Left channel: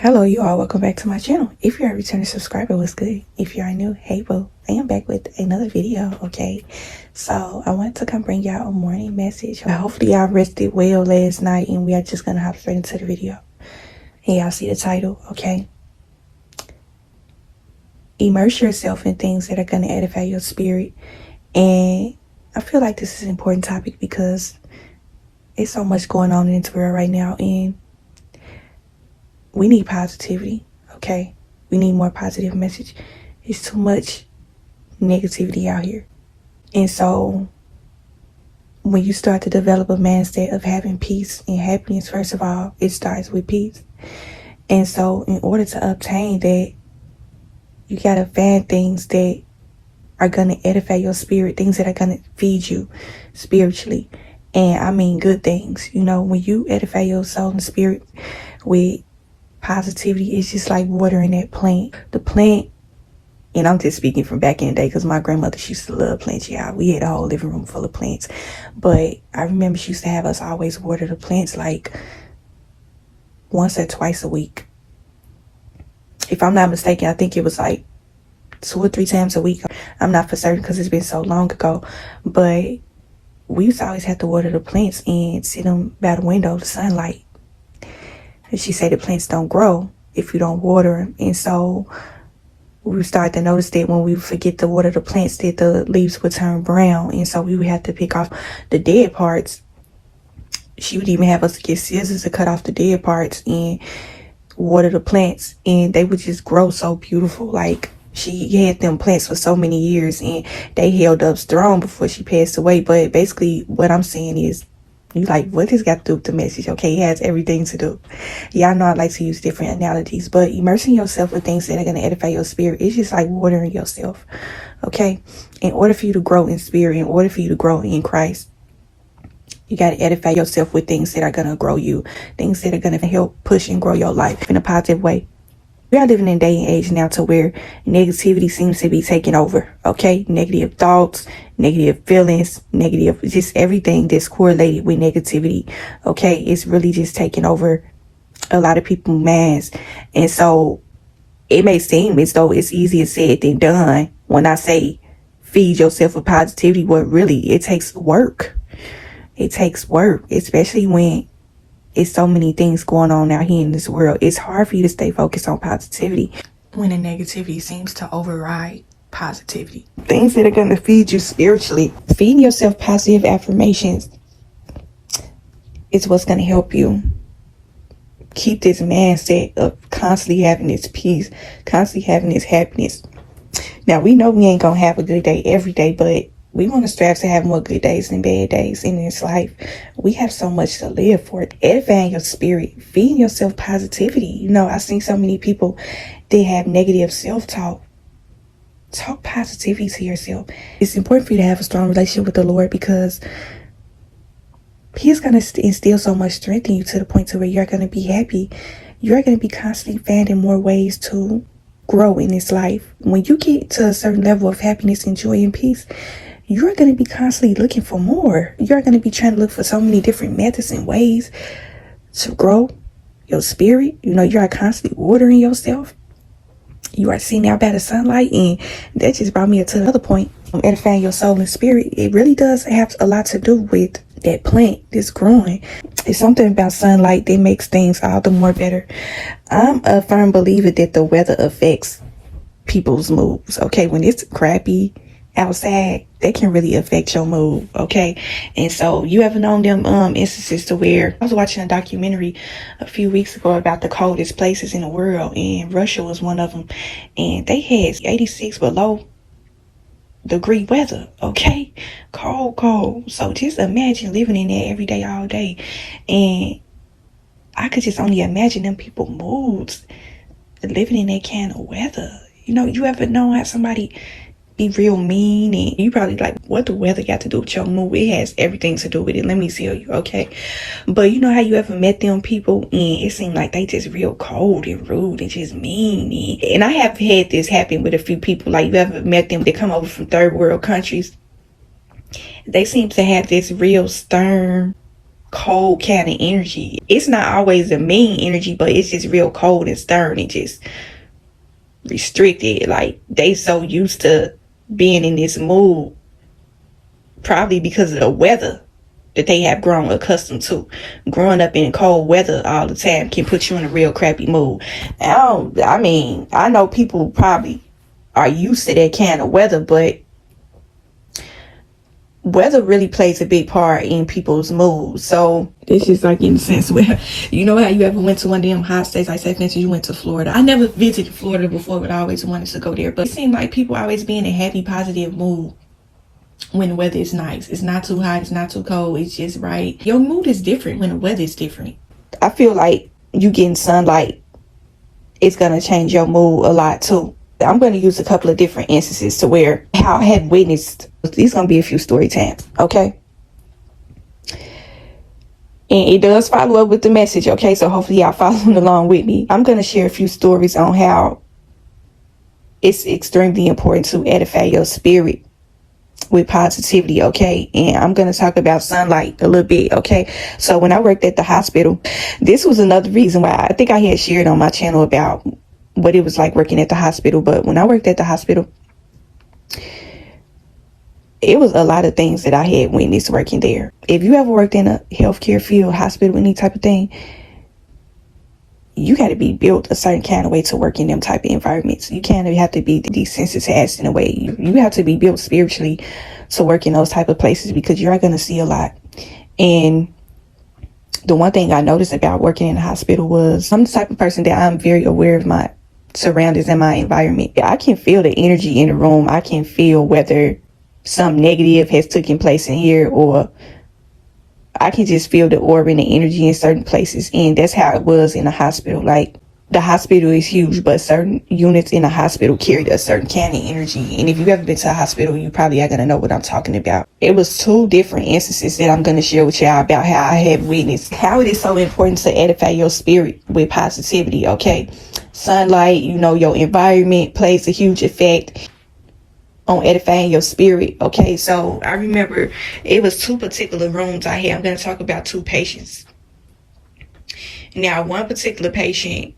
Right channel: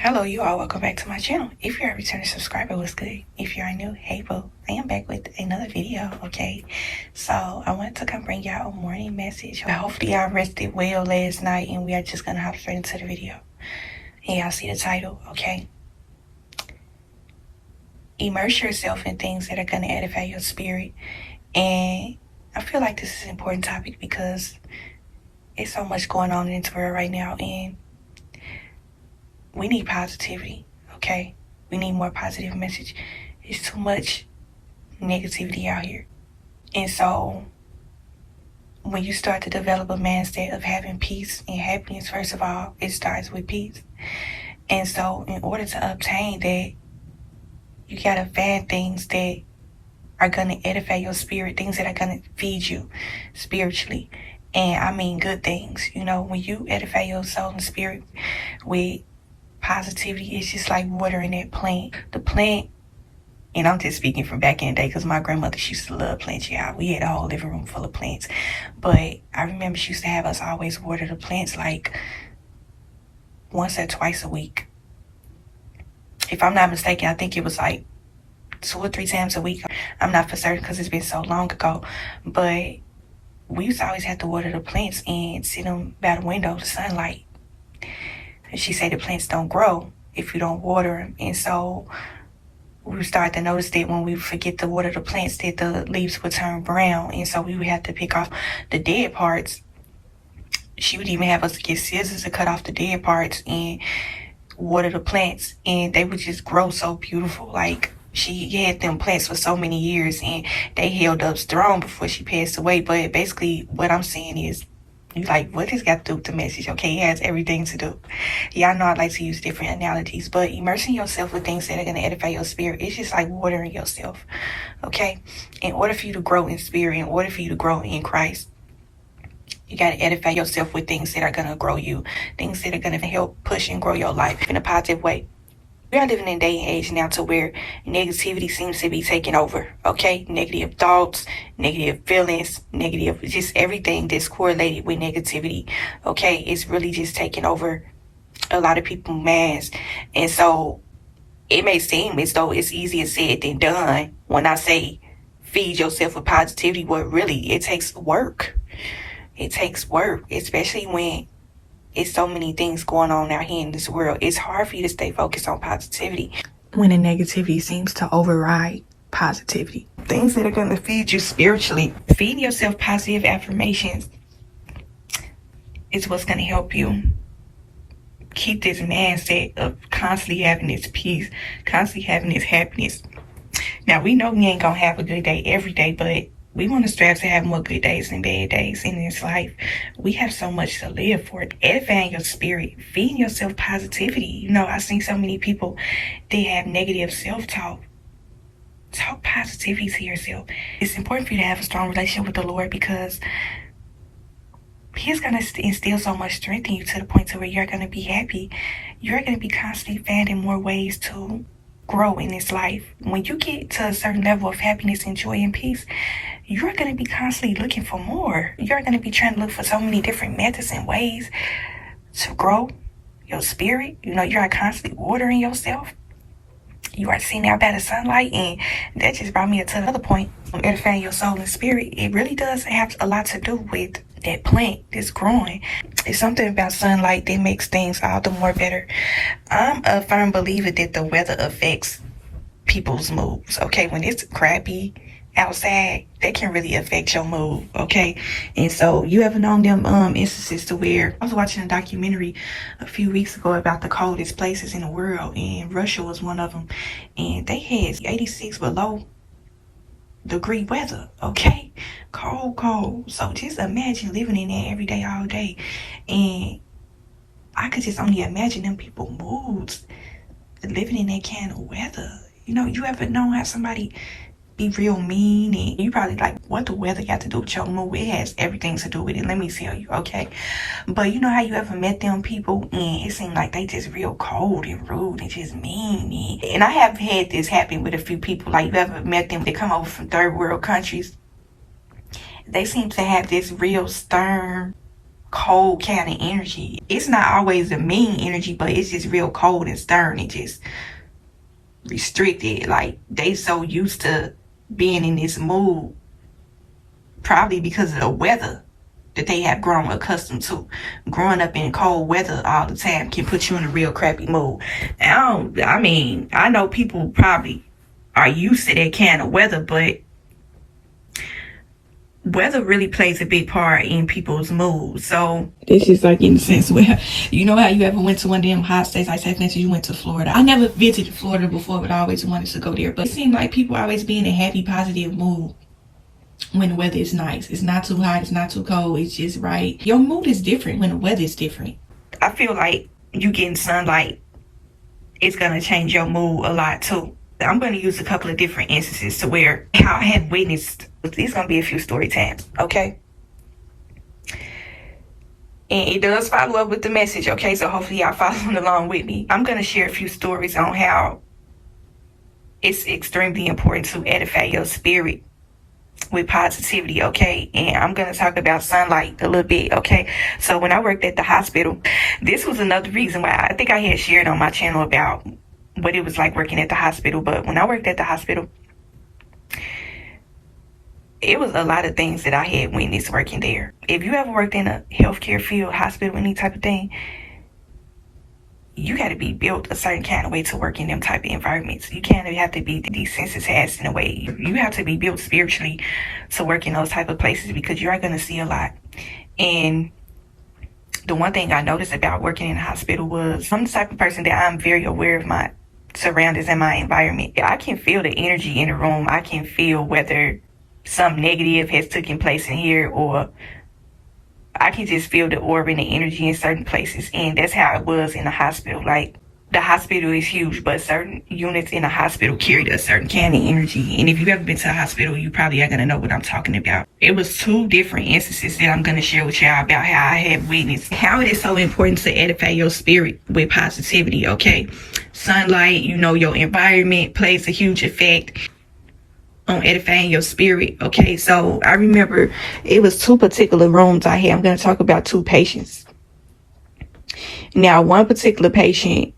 Hello, you all. Welcome back to my channel. If you're a returning subscriber, what's good? If you are new, hey, well, I am back with another video, okay? So I wanted to come bring y'all a morning message. Hopefully y'all rested well last night, and we are just gonna hop straight into the video. And y'all see the title, okay? Immerse yourself in things that are gonna edify your spirit. And I feel like this is an important topic because it's so much going on in this world right now, and we need positivity, okay? We need more positive message. There's too much negativity out here. And so when you start to develop a mindset of having peace and happiness, first of all, it starts with peace. And so in order to obtain that, you gotta find things that are gonna edify your spirit, things that are gonna feed you spiritually. And I mean good things. You know, when you edify your soul and spirit with positivity, it's just like watering that plant. The plant, and I'm just speaking from back in the day because my grandmother, she used to love plants. Yeah, we had a whole living room full of plants. But I remember she used to have us always water the plants like once or twice a week. If I'm not mistaken, I think it was like 2 or 3 times a week. I'm not for certain because it's been so long ago. But we used to always have to water the plants and sit them by the window, the sunlight. She said the plants don't grow if you don't water them. And so we started to notice that when we forget to water the plants, that the leaves would turn brown. And so we would have to pick off the dead parts. She would even have us get scissors to cut off the dead parts and water the plants. And they would just grow so beautiful. Like, she had them plants for so many years and they held up strong before she passed away. But basically what I'm saying is, you like, what this got to do with the message? Okay, it has everything to do. Y'all know I like to use different analogies, but immersing yourself with things that are going to edify your spirit, it's just like watering yourself, okay? In order for you to grow in spirit, in order for you to grow in Christ, you got to edify yourself with things that are going to grow you, things that are going to help push and grow your life in a positive way. We are living in a day and age now to where negativity seems to be taking over, okay? Negative thoughts, negative feelings, negative, just everything that's correlated with negativity, okay? It's really just taking over a lot of people's minds. And so it may seem as though it's easier said than done when I say feed yourself with positivity, but really it takes work. It takes work, especially when it's so many things going on out here in this world. It's hard for you to stay focused on positivity when the negativity seems to override positivity. Things that are going to feed you spiritually. Feeding yourself positive affirmations is what's going to help you keep this mindset of constantly having this peace, constantly having this happiness. Now, we know we ain't going to have a good day every day, but we want to strive to have more good days than bad days in this life. We have so much to live for. Edifying your spirit, feeding yourself positivity. You know, I've seen so many people, they have negative self-talk. Talk positivity to yourself. It's important for you to have a strong relationship with the Lord because He's going to instill so much strength in you to the point to where you're going to be happy. You're going to be constantly finding more ways to grow in this life. When you get to a certain level of happiness and joy and peace, you're going to be constantly looking for more. You're going to be trying to look for so many different methods and ways to grow your spirit. You know, you're constantly watering yourself. You are sitting out by the sunlight, and that just brought me to another point. Edifying your soul and spirit, it really does have a lot to do with that plant that's growing. It's something about sunlight that makes things all the more better. I'm a firm believer that the weather affects people's moods, okay? When it's crappy outside, that can really affect your mood, okay? And so you ever known them instances to where I was watching a documentary a few weeks ago about the coldest places in the world, and Russia was one of them, and they had 86 below degree weather, okay? Cold. So just imagine living in there every day, all day. And I could just only imagine them people's moods living in that kind of weather. You know, you ever know how somebody be real mean and you probably like, what the weather got to do with your mood? It has everything to do with it, let me tell you, okay? But you know how you ever met them people and it seemed like they just real cold and rude and just mean, and I have had this happen with a few people. Like, you ever met them, they come over from third world countries, they seem to have this real stern cold kind of energy. It's not always a mean energy, but it's just real cold and stern and just restricted. Like, they so used to being in this mood, probably because of the weather that they have grown accustomed to. Growing up in cold weather all the time can put you in a real crappy mood. I know people probably are used to that kind of weather, but weather really plays a big part in people's moods. So it's just like in the sense where, you know how you ever went to one of them hot states, like say for instance you went to Florida. I never visited Florida before, but I always wanted to go there. But it seemed like people always be in a happy, positive mood when the weather is nice. It's not too hot, it's not too cold, it's just right. Your mood is different when the weather is different. I feel like you getting sunlight, it's gonna change your mood a lot too. I'm going to use a couple of different instances to where how I have witnessed. These going to be a few story times, okay? And it does follow up with the message, okay? So hopefully y'all following along with me. I'm going to share a few stories on how it's extremely important to edify your spirit with positivity, okay? And I'm going to talk about sunlight a little bit, okay? So when I worked at the hospital, this was another reason why I think I had shared on my channel about what it was like working at the hospital. But when I worked at the hospital, it was a lot of things that I had witnessed working there. If you ever worked in a healthcare field, hospital, any type of thing, you got to be built a certain kind of way to work in them type of environments. You can't have to be desensitized in a way. You have to be built spiritually to work in those type of places, because you are going to see a lot. And the one thing I noticed about working in the hospital was I'm the type of person that I'm very aware of my surroundings and my environment. I can feel the energy in the room. I can feel whether some negative has taken place in here, or I can just feel the aura and the energy in certain places. And that's how it was in the hospital. Like, the hospital is huge, but certain units in the hospital carried a certain kind of energy. And if you've ever been to a hospital, you probably are going to know what I'm talking about. It was 2 different instances that I'm going to share with y'all about how I have witnessed how it is so important to edify your spirit with positivity, okay? Sunlight, your environment plays a huge effect on edifying your spirit, okay? So I remember it was 2 particular rooms I had. I'm going to talk about 2 patients. Now, one particular patient,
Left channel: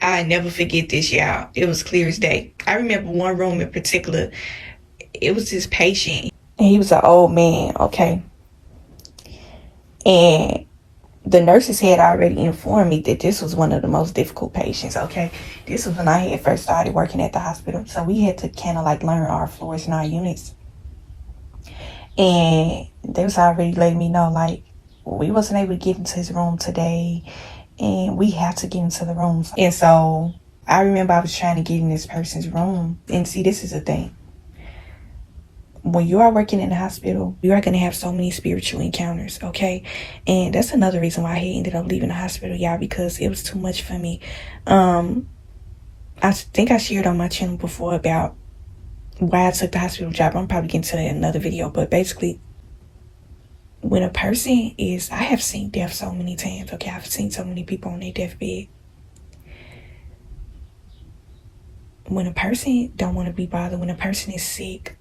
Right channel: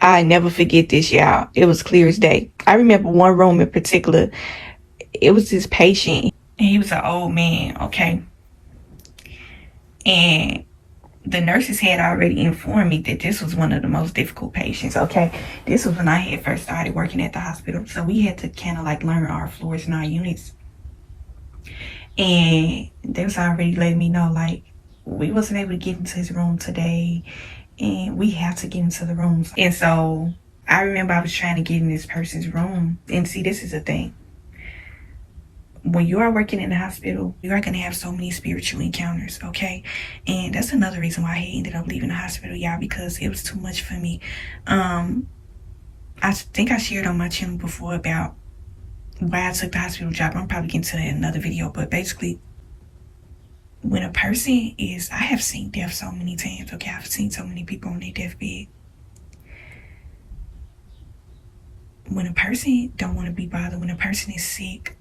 I never forget this, y'all. It was clear as day. I remember one room in particular. It was this patient, and he was an old man, okay? And the nurses had already informed me that this was one of the most difficult patients, okay? This was when I had first started working at the hospital. So we had to kind of like learn our floors and our units. And they was already letting me know, like, we wasn't able to get into his room today, and we have to get into the rooms. And so I remember I was trying to get in this person's room. And see, this is the thing. When you are working in the hospital, you are going to have so many spiritual encounters, okay? And that's another reason why I ended up leaving the hospital, y'all, because it was too much for me. I think I shared on my channel before about why I took the hospital job. I'm probably getting to that in another video. But basically, when a person is, I have seen death so many times, okay? I've seen so many people on their deathbed. When a person don't want to be bothered, when a person is sick,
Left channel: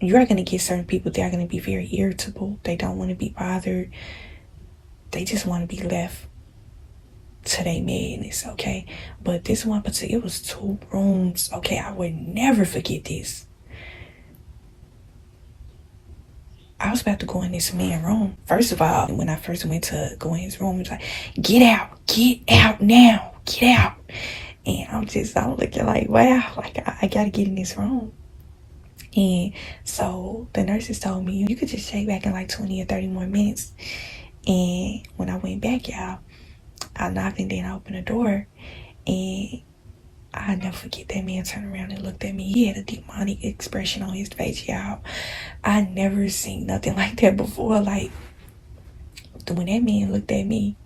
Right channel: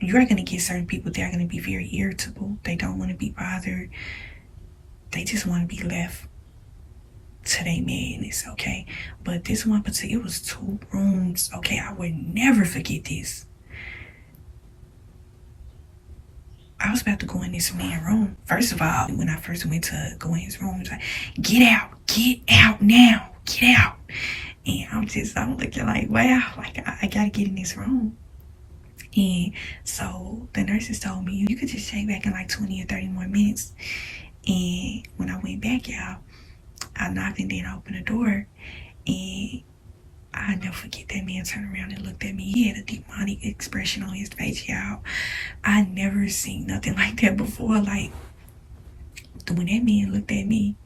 you are going to get certain people that are going to be very irritable. They don't want to be bothered. They just want to be left to their madness, okay? But this one particular, it was 2 rooms, okay? I would never forget this. I was about to go in this man's room. First of all, when I first went to go in his room, he was like, get out now, get out. And I was looking like, wow, like I got to get in this room. And so the nurses told me, you could just check back in like 20 or 30 more minutes. And when I went back, y'all, I knocked and then I opened the door. And I never forget that man turned around and looked at me. He had a demonic expression on his face, y'all. I never seen nothing like that before. Like, when that man looked at me,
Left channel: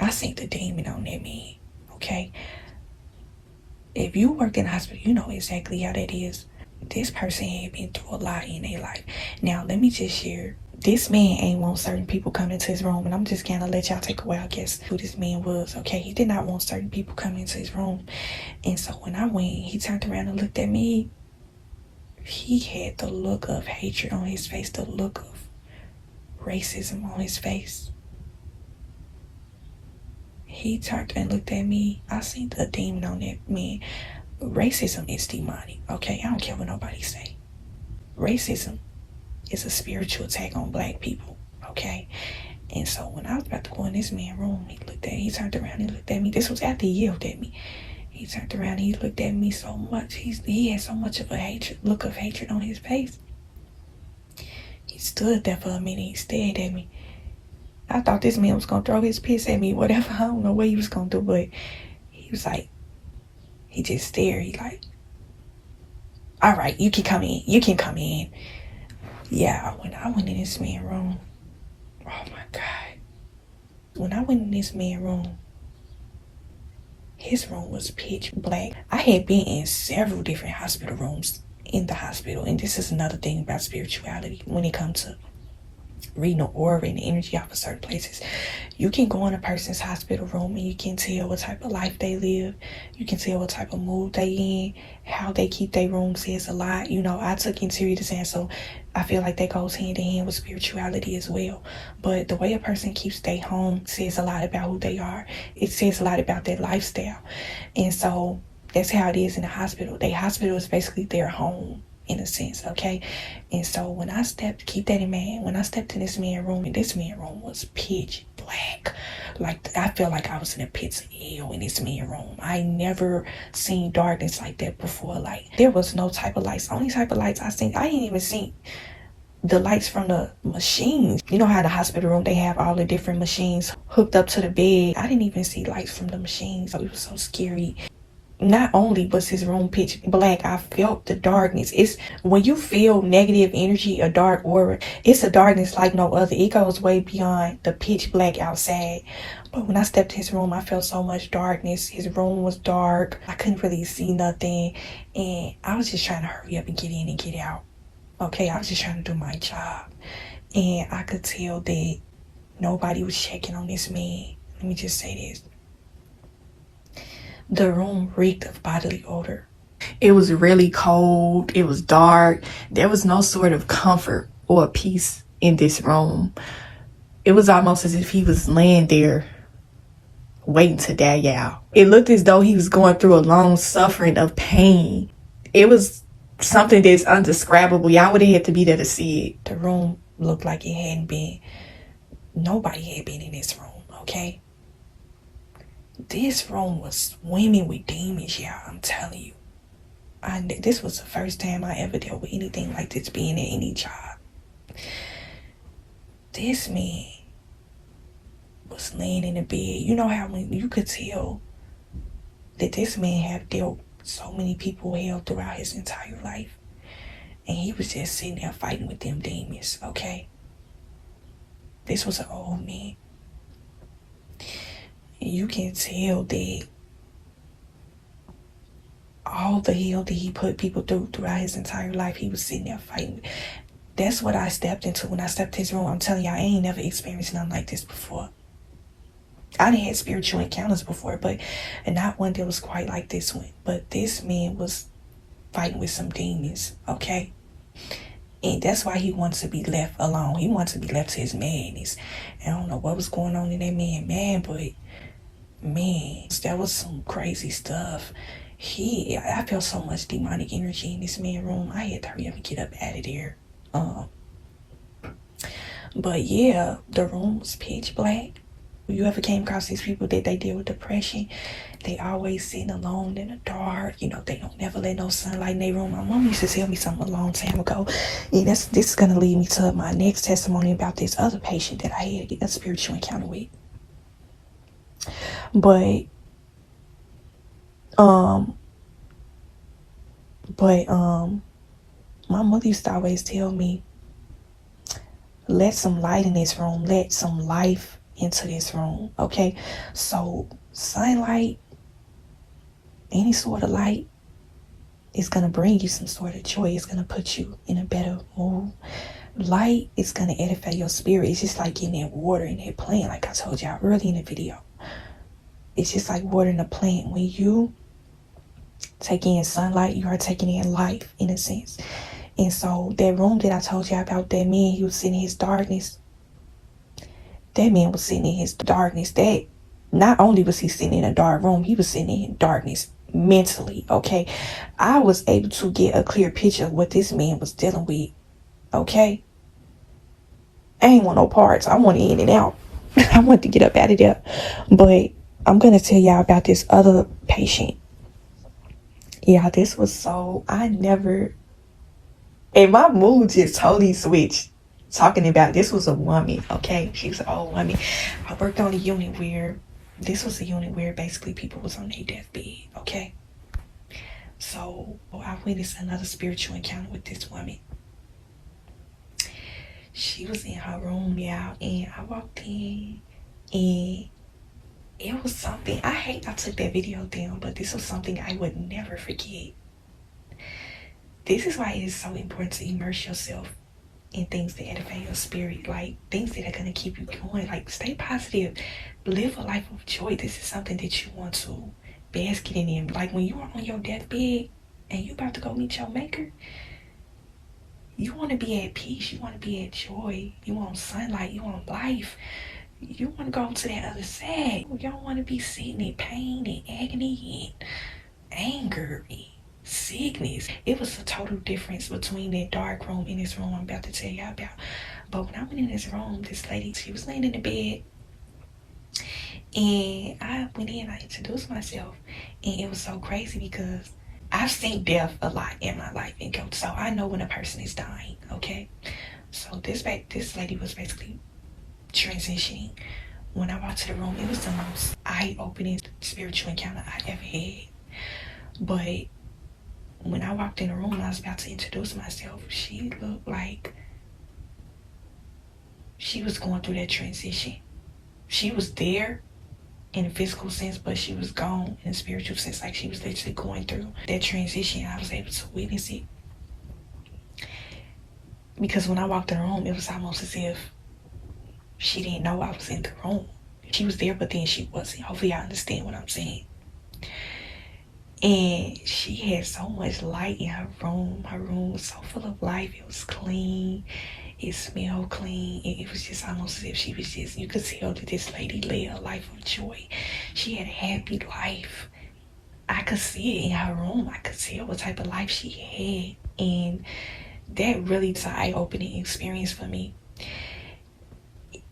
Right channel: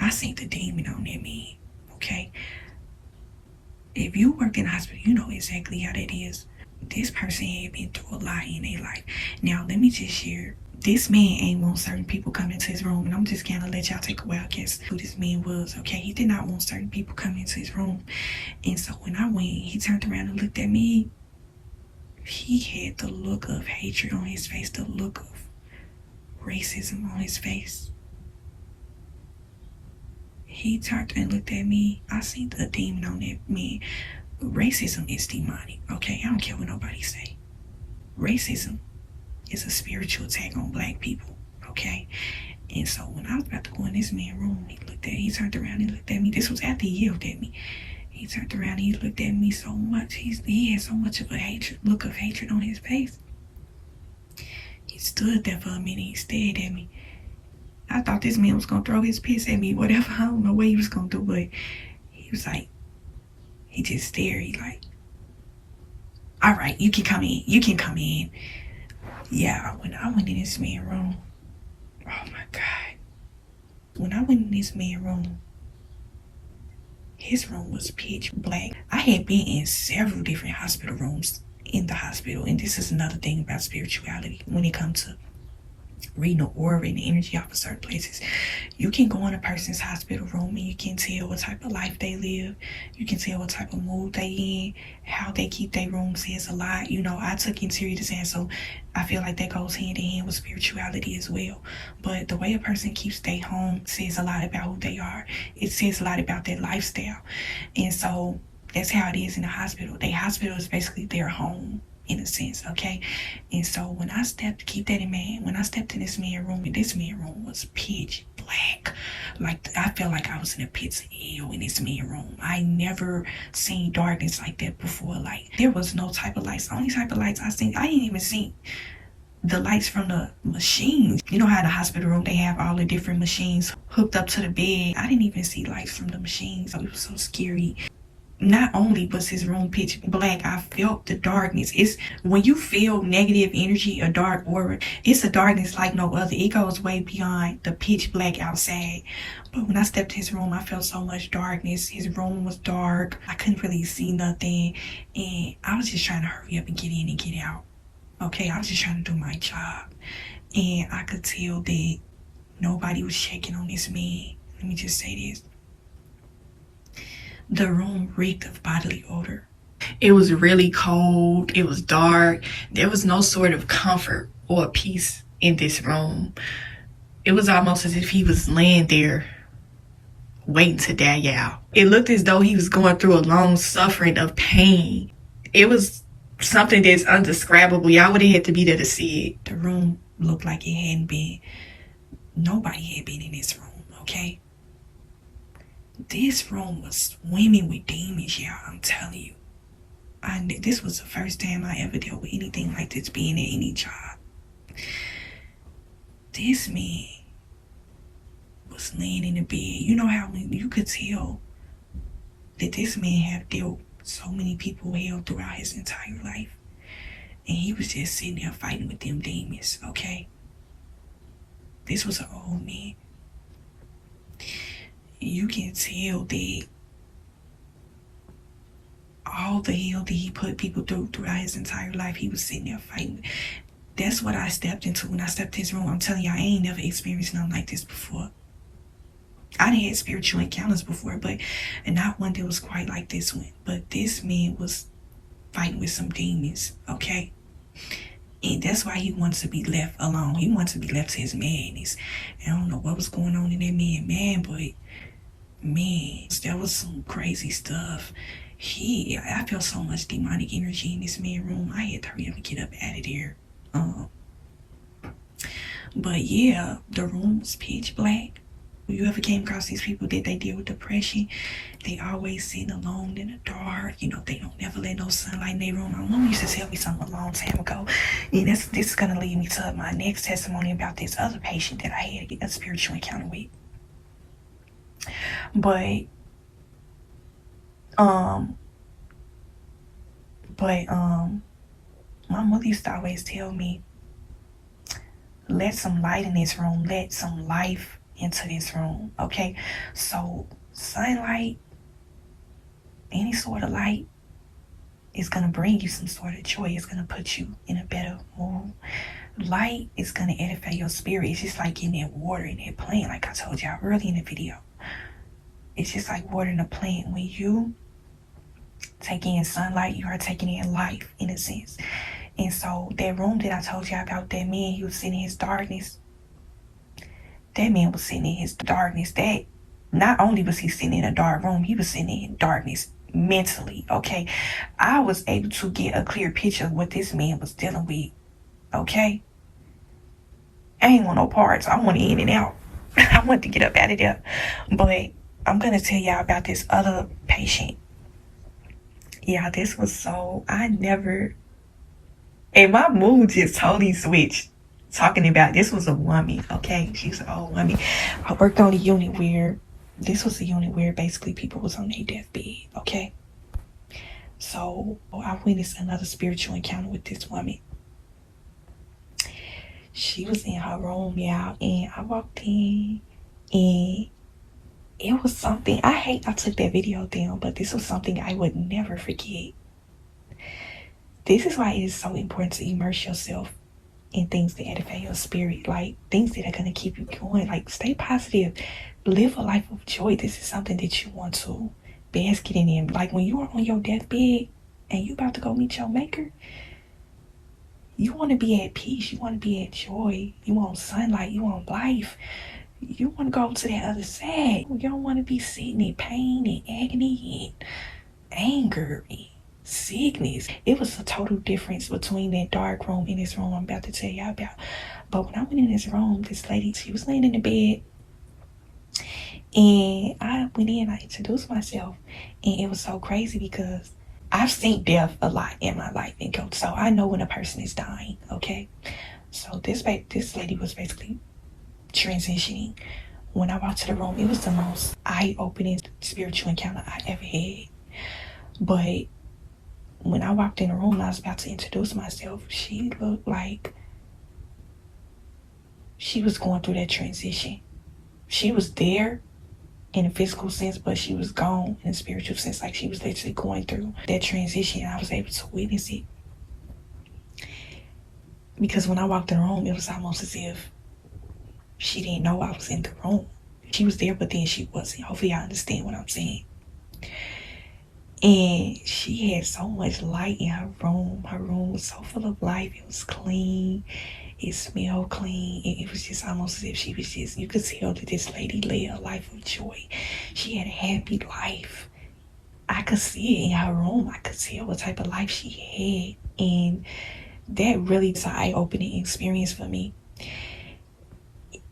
I seen the demon on that man, okay? If you work in a hospital, you know exactly how that is. This person had been through a lot in their life. Now, let me just share. This man ain't want certain people coming into his room. And I'm just going to let y'all take a wild guess who this man was, okay? He did not want certain people coming into his room. And so when I went, he turned around and looked at me. he had the look of hatred on his face, the look of racism on his face. He turned and looked at me. I seen the demon on that man. Racism is demonic, okay? I don't care what nobody say. Racism is a spiritual attack on black people, okay? And so when I was about to go in this man's room, he turned around and looked at me. This was after he yelled at me. He turned around and he looked at me so much. He had so much of a look of hatred on his face. He stood there for a minute. He stared at me. I thought this man was going to throw his piss at me, whatever. I don't know what he was going to do, but he was like, he just stared. He like, all right, you can come in. You can come in. Yeah, when I went in this man's room, oh my God. When I went in this man's room, his room was pitch black. I had been in several different hospital rooms in the hospital, and this is another thing about spirituality when it comes to reading the aura and the energy off of certain places. You can go in a person's hospital room and you can tell what type of life they live. You can tell what type of mood they in, how they keep their room says a lot. You know, I took interior design, so I feel like that goes hand in hand with spirituality as well. But the way a person keeps their home says a lot about who they are. It says a lot about their lifestyle. And so that's how it is in the hospital. The hospital is basically their home, in a sense, okay? And so when I stepped, keep that in mind, when I stepped in this man's room, and this man's room was pitch black. Like, I felt like I was in a pit of hell in this man's room. I never seen darkness like that before. Like, there was no type of lights. The only type of lights I seen, I didn't even see the lights from the machines. You know how the hospital room, they have all the different machines hooked up to the bed. I didn't even see lights from the machines. So it was so scary. Not only was his room pitch black, I felt the darkness. It's when you feel negative energy, a dark aura, it's a darkness like no other. It goes way beyond the pitch black outside. But when I stepped in his room, I felt so much darkness. His room was dark. I couldn't really see nothing. And I was just trying to hurry up and get in and get out. Okay, I was just trying to do my job. And I could tell that nobody was checking on this man. Let me just say this. The room reeked of bodily odor. It was really cold. It was dark. There was no sort of comfort or peace in this room. It was almost as if he was laying there waiting to die out. It looked as though he was going through a long suffering of pain. It was something that's undescribable. Y'all would have had to be there to see it. The room looked like it hadn't been, nobody had been in this room, okay? This room was swimming with demons, y'all. I'm telling you. This was the first time I ever dealt with anything like this being at any job. This man was laying in the bed. You know how you could tell that this man had dealt so many people hell throughout his entire life. And he was just sitting there fighting with them demons, okay? This was an old man. You can tell that all the hell that he put people through throughout his entire life, he was sitting there fighting. That's what I stepped into when I stepped in his room. I'm telling you, I ain't never experienced nothing like this before. I done had spiritual encounters before, but not one that was quite like this one. But this man was fighting with some demons, okay? And that's why he wants to be left alone. He wants to be left to his madness. I don't know what was going on in that man, but man, that was some crazy stuff. I felt so much demonic energy in this man's room. I had to hurry up and get up out of there. But yeah, the room was pitch black. If you ever came across these people that they deal with depression, they always sitting alone in the dark. You know, they don't never let no sunlight in their room. My mom used to tell me something a long time ago. And this is going to lead me to my next testimony about this other patient that I had a spiritual encounter with. But my mother used to always tell me, let some light in this room, let some life into this room, okay? So sunlight, any sort of light, is gonna bring you some sort of joy. It's gonna put you in a better mood. Light is gonna edify your spirit. It's just like getting that water in that plant, like I told y'all early in the video. It's just like watering a plant. When you take in sunlight, you are taking in life, in a sense. And so that room that I told you about, that man, he was sitting in his darkness. That man was sitting in his darkness. That not only was he sitting in a dark room, he was sitting in darkness mentally. Okay, I was able to get a clear picture of what this man was dealing with. Okay, I ain't want no parts. I want in and out. I want to get up out of there. But I'm gonna tell y'all about this other patient. Yeah, this was so, I never, and my mood just totally switched. Talking about, this was a woman, okay? She was an old woman. I worked on a unit where, this was a unit where basically people was on their deathbed, okay? So I witnessed another spiritual encounter with this woman. She was in her room, y'all, and I walked in, and it was something, I took that video down, but this was something I would never forget. This is why it is so important to immerse yourself in things that edify your spirit, like things that are going to keep you going. Like, stay positive, live a life of joy. This is something that you want to bask in. Like, when you are on your deathbed and you about to go meet your maker, you want to be at peace, you want to be at joy, you want sunlight, you want life, you want to go to that other side. You don't want to be sitting in pain and agony and anger and sickness. It was a total difference between that dark room and this room I'm about to tell y'all about. But when I went in this room, this lady, she was laying in the bed, and I went in, I introduced myself, and it was so crazy because I've seen death a lot in my life, and so I know when a person is dying, okay? So this lady was basically transitioning. When I walked to the room, it was the most eye-opening spiritual encounter I ever had. But when I walked in the room, I was about to introduce myself. She looked like she was going through that transition. She was there in a physical sense, but she was gone in a spiritual sense. Like, she was literally going through that transition. I was able to witness it. Because when I walked in the room, it was almost as if she didn't know I was in the room. She was there, but then she wasn't. Hopefully I understand what I'm saying. And she had so much light in her room. Her room was so full of life. It was clean. It smelled clean. And it was just almost as if she was just, you could tell that this lady led a life of joy. She had a happy life. I could see it in her room. I could tell what type of life she had. And that really was an eye-opening experience for me.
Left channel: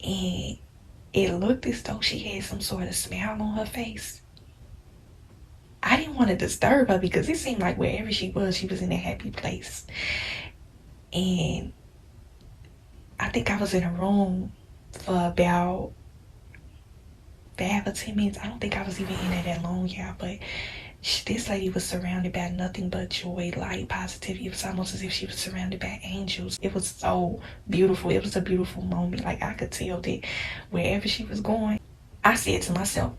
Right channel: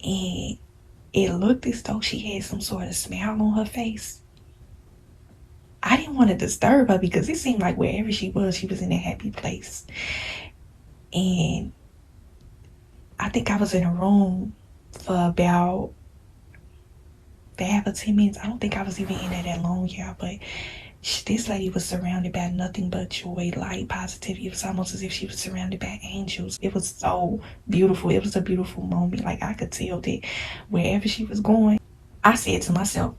And it looked as though she had some sort of smile on her face. I didn't want to disturb her because it seemed like wherever she was in a happy place. And I think I was in a room for about 5 or 10 minutes. I don't think I was even in there that long, y'all, but this lady was surrounded by nothing but joy, light, positivity. It was almost as if she was surrounded by angels. It was so beautiful. It was a beautiful moment. Like, I could tell that wherever she was going, I said to myself,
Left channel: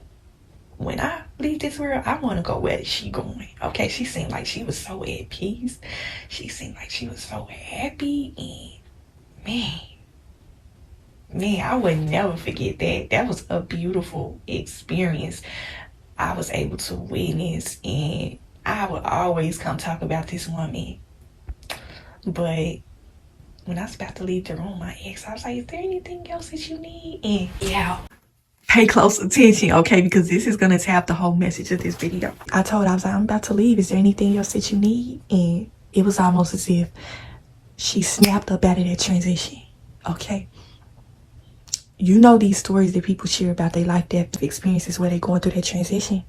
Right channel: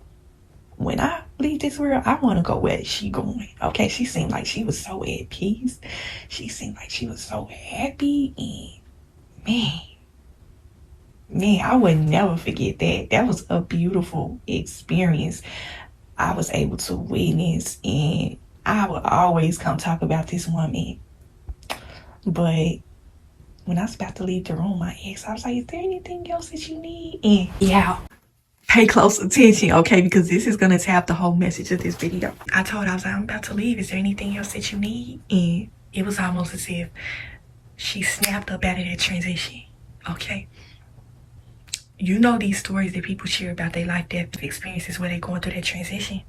when I leave this world, I want to go where she going. Okay, she seemed like she was so at peace. She seemed like she was so happy. And man, I would never forget that. That was a beautiful experience I was able to witness, and I would always come talk about this woman. But when I was about to leave the room, I asked, I was like, is there anything else that you need? And yeah, pay close attention, okay, because this is going to tap the whole message of this video. I told her, I was like, I'm about to leave. Is there anything else that you need? And it was almost as if she snapped up out of that transition, okay? You know these stories that people share about their life-death experiences where they're going through that transition.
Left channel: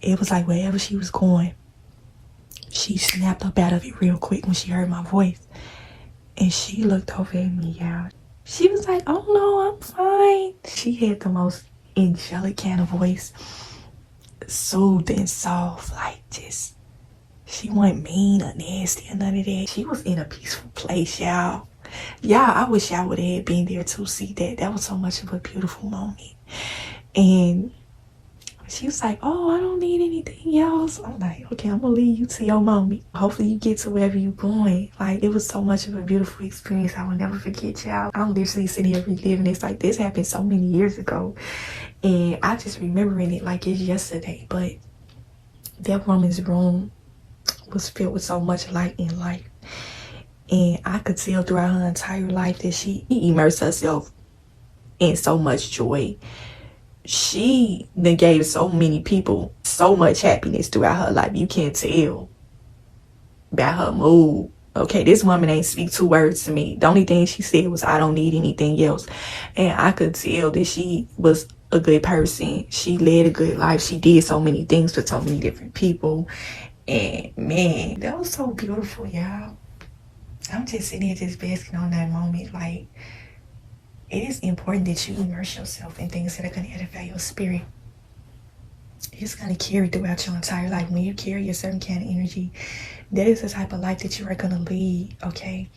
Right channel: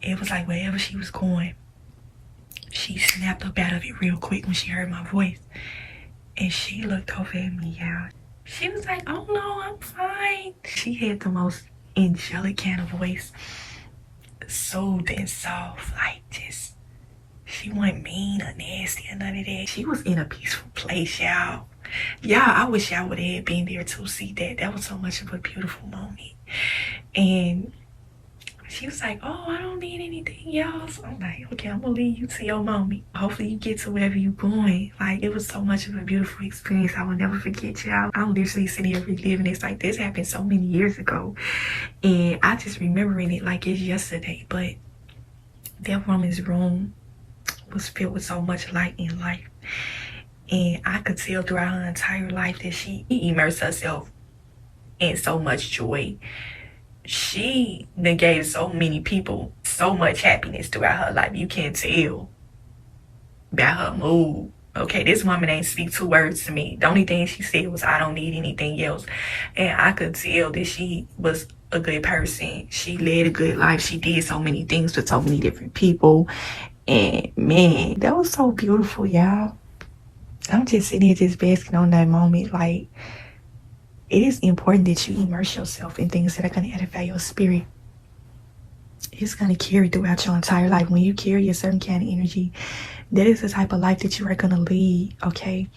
It was like wherever she was going, she snapped up out of it real quick when she heard my voice. And she looked over at me, y'all. She was like, oh no, I'm fine. She had the most angelic kind of voice. Soothed and soft, like just, she wasn't mean or nasty or none of that. She was in a peaceful place, y'all. I wish y'all would have been there to see that. That was so much of a beautiful moment. And she was like, oh, I don't need anything else. I'm like, okay, I'm gonna leave you to your moment. Hopefully you get to wherever you're going. Like, it was so much of a beautiful experience. I will never forget, y'all. I'm literally sitting here reliving this. Like, this happened so many years ago, and I just remembering it like it's yesterday. But that woman's room was filled with so much light in life. And I could tell throughout her entire life that she immersed herself in so much joy. She then gave so many people so much happiness throughout her life. You can't tell about her mood. Okay, this woman ain't speak 2 words to me. The only thing she said was, I don't need anything else. And I could tell that she was a good person. She led a good life. She did so many things for so many different people. And man, that was so beautiful, y'all. I'm just sitting here just basking on that moment. Like, it is important that you immerse yourself in things that are going to edify your spirit. It's going to carry throughout your entire life. When you carry a certain kind of energy, that is the type of life that you are going to lead, okay?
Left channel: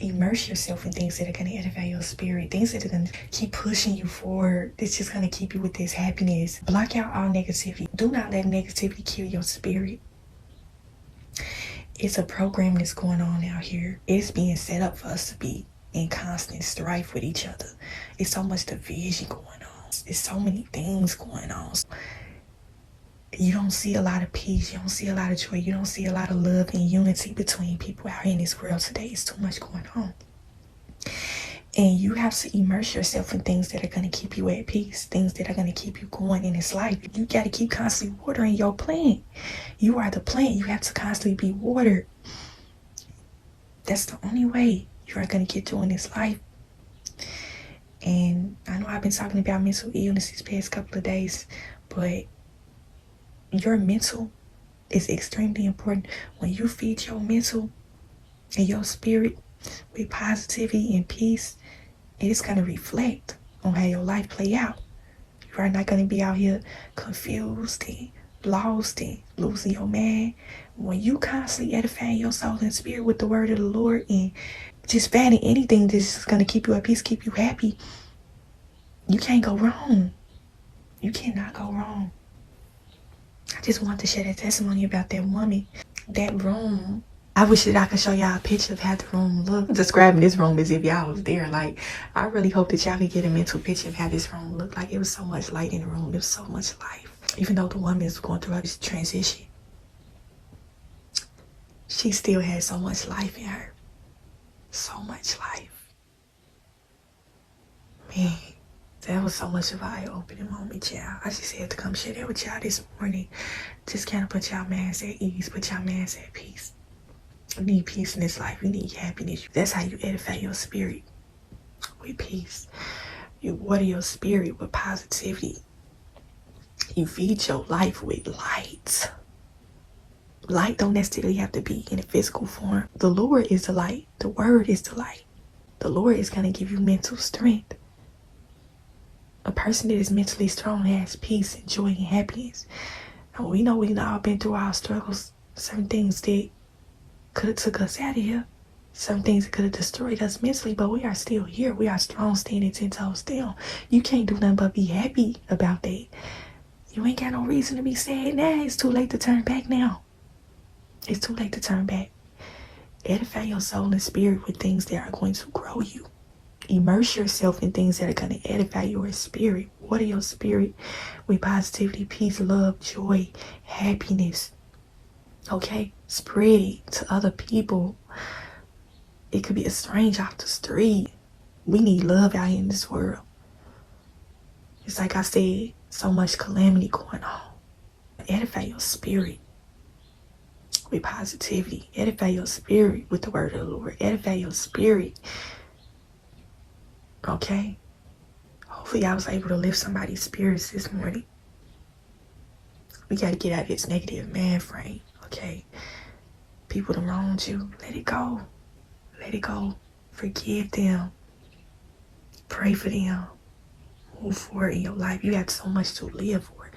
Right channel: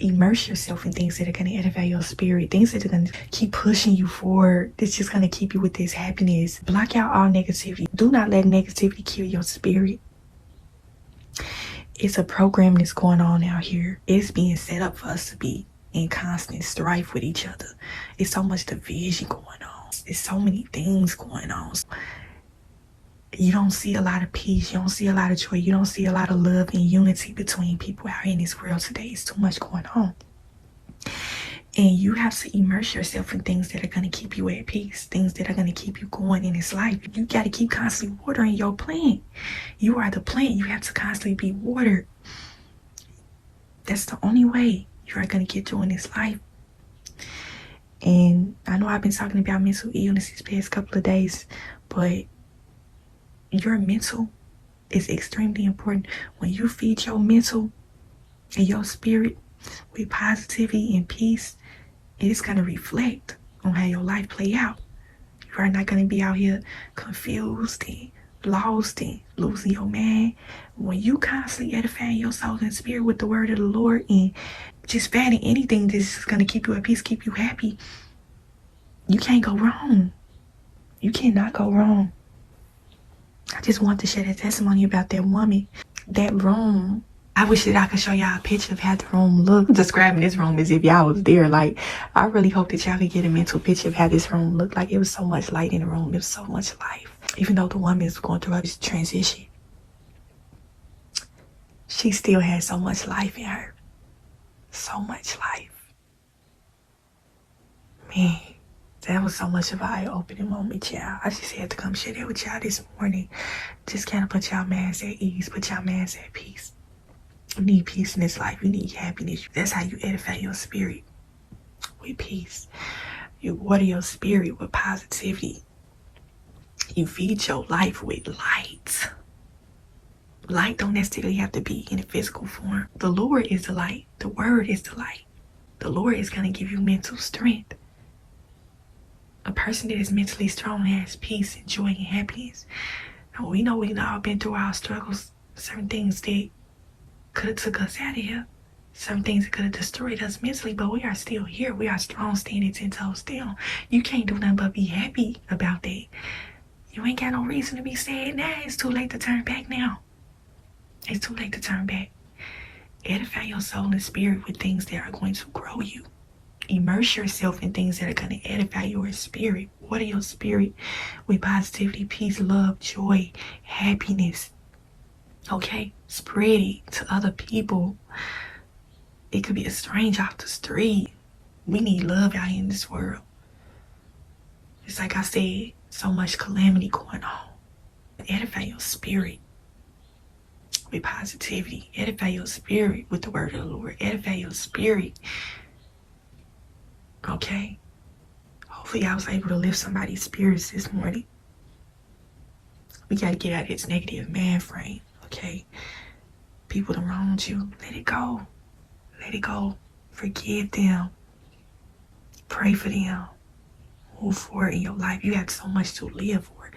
Immerse yourself in things that are going to edify your spirit, things that are going to keep pushing you forward. That's just going to keep you with this happiness. Block out all negativity. Do not let negativity kill your spirit. It's a program that's going on out here. It's being set up for us to be in constant strife with each other. It's so much division going on. It's so many things going on. You don't see a lot of peace. You don't see a lot of joy. You don't see a lot of love and unity between people out here in this world today. It's too much going on. And you have to immerse yourself in things that are going to keep you at peace, things that are going to keep you going in this life. You got to keep constantly watering your plant. You are the plant. You have to constantly be watered. That's the only way you are going to get through in this life. And I know I've been talking about mental illness these past couple of days, but your mental is extremely important. When you feed your mental and your spirit with positivity and peace, it is going to reflect on how your life play out. You are not going to be out here confused and lost and losing your mind. When you constantly edify your soul and spirit with the word of the Lord and just finding anything that's going to keep you at peace, keep you happy, you can't go wrong. You cannot go wrong. I just want to share that testimony about that woman, that room. I wish that I could show y'all a picture of how the room looked. I'm describing this room as if y'all was there. Like, I really hope that y'all could get a mental picture of how this room looked. Like, it was so much light in the room. There was so much life. Even though the woman is going through this transition, she still had so much life in her. So much life. Man, that was so much of an eye-opening moment, y'all. I just had to come share that with y'all this morning. Just kind of put y'all minds at ease, put y'all minds at peace. You need peace in this life. You need happiness. That's how you edify your spirit, with peace. You water your spirit with positivity. You feed your life with light. Light don't necessarily have to be in a physical form. The Lord is the light. The word is the light. The Lord is going to give you mental strength. A person that is mentally strong has peace and joy and happiness. And we know we've all been through our struggles. Certain things that could have took us out of here. Some things that could have destroyed us mentally, but we are still here. We are strong, standing 10 toes down. You can't do nothing but be happy about that. You ain't got no reason to be sad now. It's too late to turn back now. It's too late to turn back. Edify your soul and spirit with things that are going to grow you. Immerse yourself in things that are going to edify your spirit. Water your spirit with positivity, peace, love, joy, happiness. Okay? Spread it to other people. It could be a stranger off the street. We need love out here in this world. It's like I said, so much calamity going on. Edify your spirit with positivity. Edify your spirit with the word of the Lord. Edify your spirit. Okay? Hopefully I was able to lift somebody's spirits this morning. We got to get out of this negative man frame. Okay? People that wronged you, let it go. Let it go. Forgive them. Pray for them. Move forward in your life. You got so much to live for.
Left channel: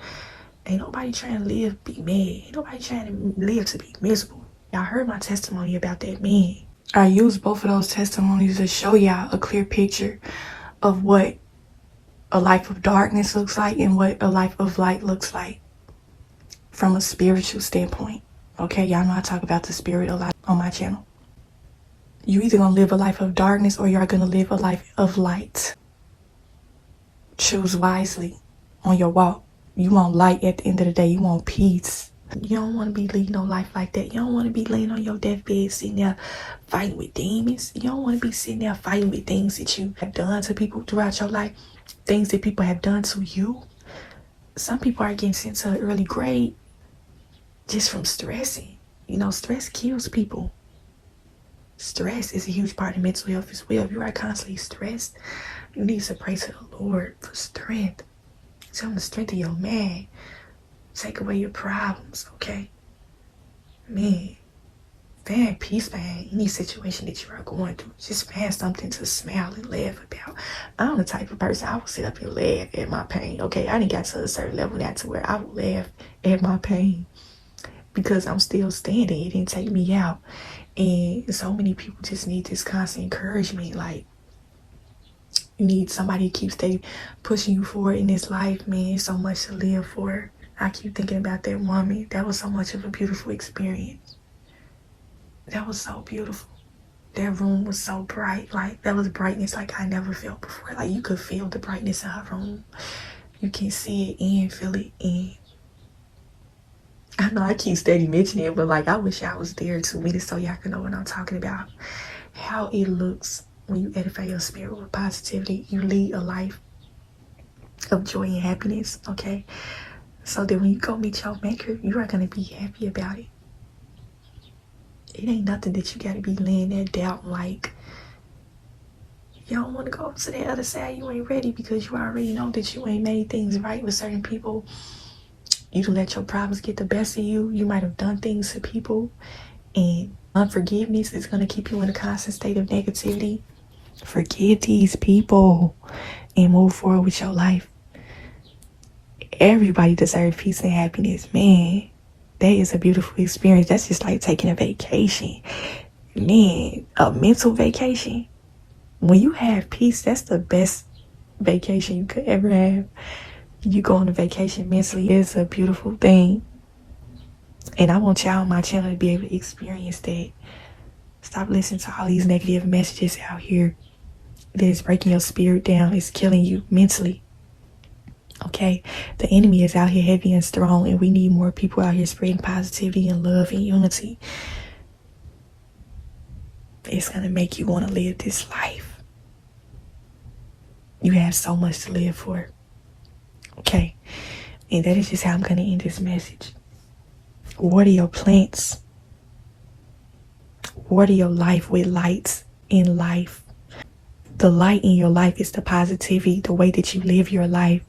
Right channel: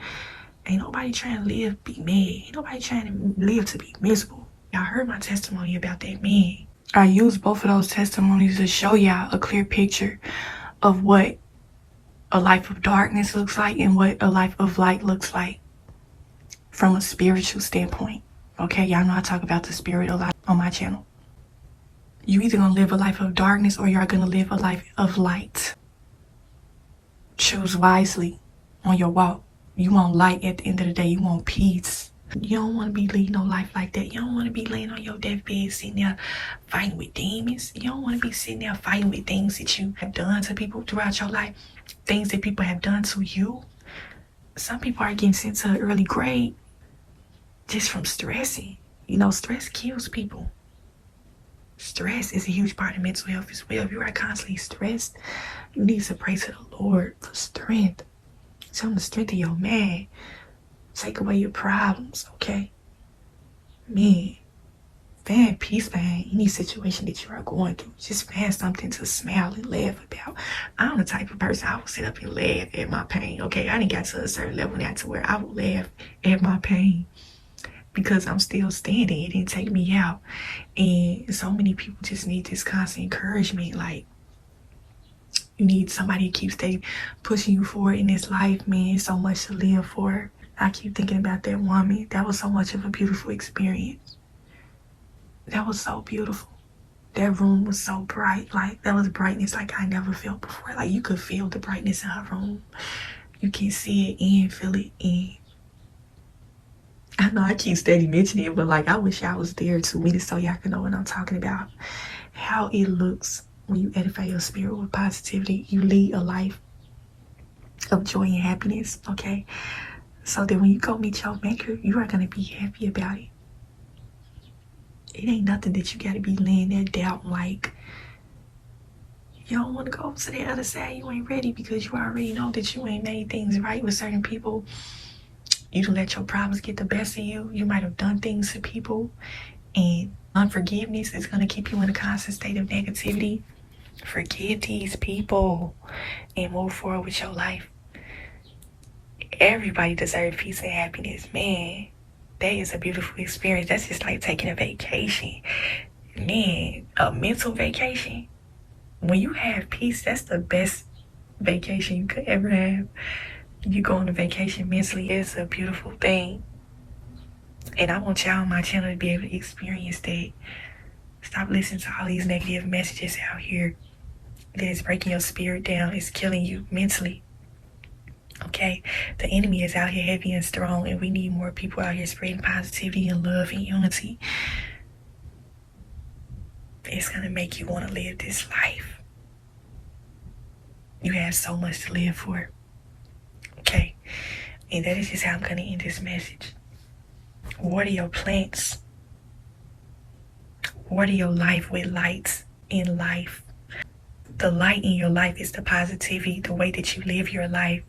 Ain't nobody trying to live be mad. Ain't nobody trying to live to be miserable. Y'all heard my testimony about that man. I used both of those testimonies to show y'all a clear picture of what a life of darkness looks like and what a life of light looks like from a spiritual standpoint. Okay, y'all know I talk about the spirit a lot on my channel. You either gonna live a life of darkness or you're gonna live a life of light. Choose wisely on your walk. You want light at the end of the day. You want peace. You don't want to be leading no life like that. You don't want to be laying on your deathbed sitting there fighting with demons. You don't want to be sitting there fighting with things that you have done to people throughout your life, things that people have done to you. Some people are getting sent to an early grave just from stressing. You know, stress kills people. Stress is a huge part of mental health as well. If you are constantly stressed, you need to pray to the Lord for strength. Tell him the strength of your man. Take away your problems, okay? Man, find peace, find any situation that you are going through. Just find something to smile and laugh about. I'm the type of person, I will sit up and laugh at my pain, okay? I didn't get to a certain level now to where I would laugh at my pain because I'm still standing. It didn't take me out. And so many people just need this constant encouragement. Like, you need somebody to keep pushing you forward in this life, man. So much to live for. I keep thinking about that woman. That was so much of a beautiful experience. That was so beautiful. That room was so bright. Like, that was brightness like I never felt before. Like, you could feel the brightness in her room. You can see it and feel it. And I know I keep steady mentioning it, but like, I wish y'all was there 2 minutes so y'all can know what I'm talking about. How it looks when you edify your spirit with positivity. You lead a life of joy and happiness, okay? So that when you go meet your maker, you are going to be happy about it. It ain't nothing that you got to be laying there doubting like, you don't want to go to the other side. You ain't ready because you already know that you ain't made things right with certain people. You don't let your problems get the best of you. You might have done things to people. And unforgiveness is going to keep you in a constant state of negativity. Forgive these people and move forward with your life. Everybody deserves peace and happiness, man. That is a beautiful experience. That's just like taking a vacation, man. A mental vacation. When you have peace, that's the best vacation you could ever have. You go on a vacation mentally, it's a beautiful thing. And I want y'all on my channel to be able to experience that. Stop listening to all these negative messages out here that is breaking your spirit down. It's killing you mentally. Okay, the enemy is out here heavy and strong, and we need more people out here spreading positivity and love and unity. It's gonna make you want to live this life. You have so much to live for. Okay, and that is just how I'm gonna end this message. Water your plants. Water your life with lights in life. The light in your life is the positivity, the way that you live your life.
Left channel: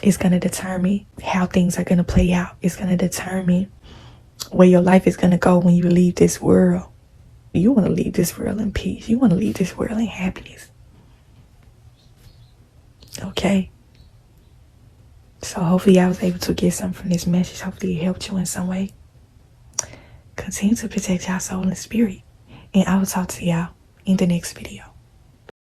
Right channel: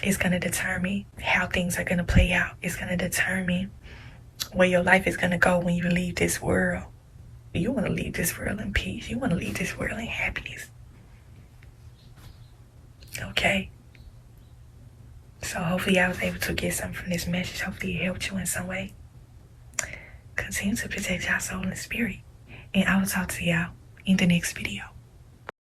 It's going to determine how things are going to play out. It's going to determine where your life is going to go when you leave this world. You want to leave this world in peace. You want to leave this world in happiness. Okay? So hopefully I was able to get something from this message. Hopefully it helped you in some way. Continue to protect your soul and spirit. And I will talk to y'all in the next video.